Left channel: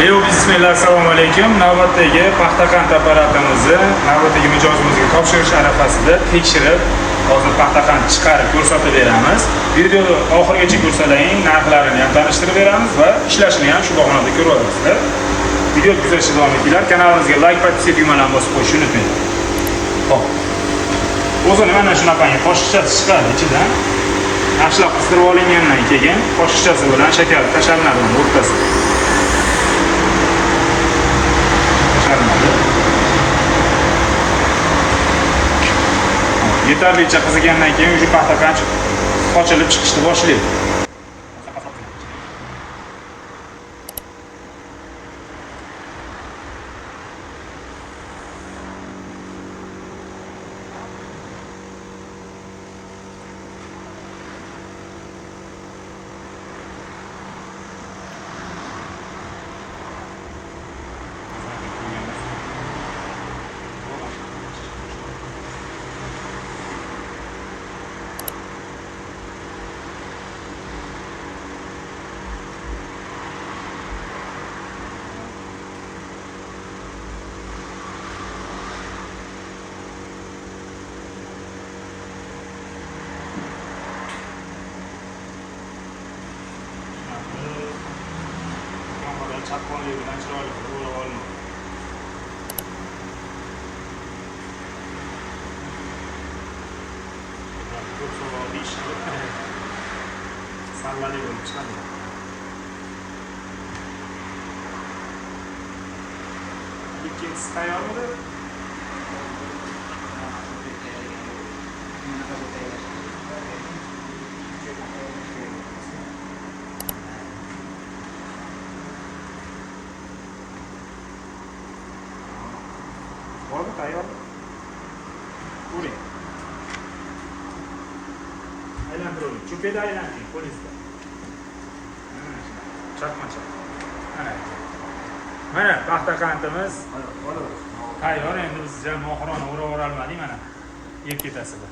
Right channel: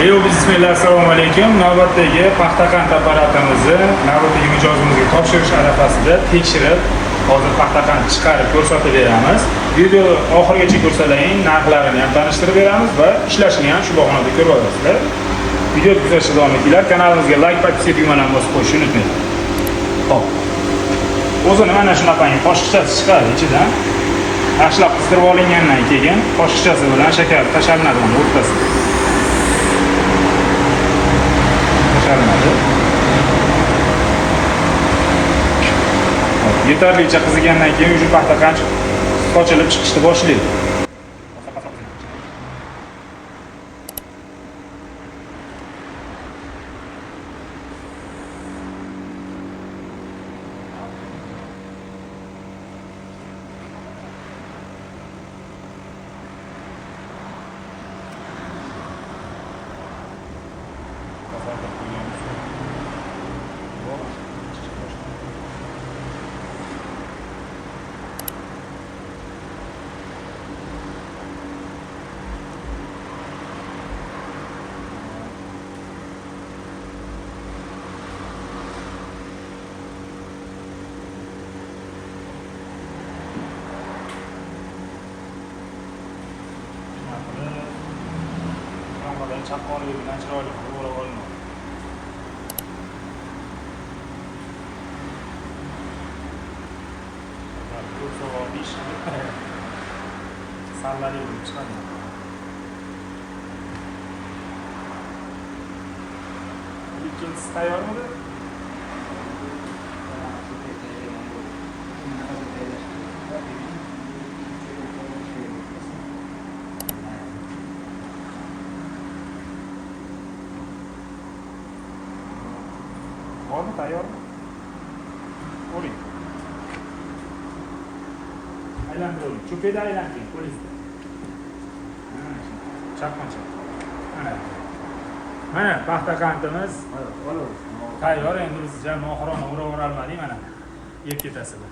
Bismillah, assalomu alaykum. Navbatdagi paxta qand apparatimizni navbatdagi mijozimizga topshirish arafasida tekshirib, hozir paxta qand chiqarib ko'rsatib beramiz. Videoni oxirigacha ko'rsating, narxlarini ham tanishtirib beramiz va ishlashini ham shu bahonada ko'rib olasizlar. Video kuzatishda davom etinglar. Kanalimizga like, podpiska tugmasini bosib qo'yishni unutmang. Xo'p. O'zini mana shunaqangi qoshiqchasi chiqadi ichidan. Yaxshilab qistirib olingandan keyin qoshiqchasi bilan shakar tashlanadi o'rtasiga. Yetarlicha qizigandan keyin uji paxta qand ochilib chiqishni boshlaydi. Chaqonlik bilan chiroyli qilib oldim. Ko'p savol ishni sallali bo'lib chiqadi. Ikkinchisi tayyormidi? Bormi tayyormi? O'ring. Aylantiring. Cho'kada aylantiring qo'lingizda. Chaqmacha. Mana paxta qandimiz tayyor. Endi biz oxirona o'rab olmadik mana. Yeb ketasi bu.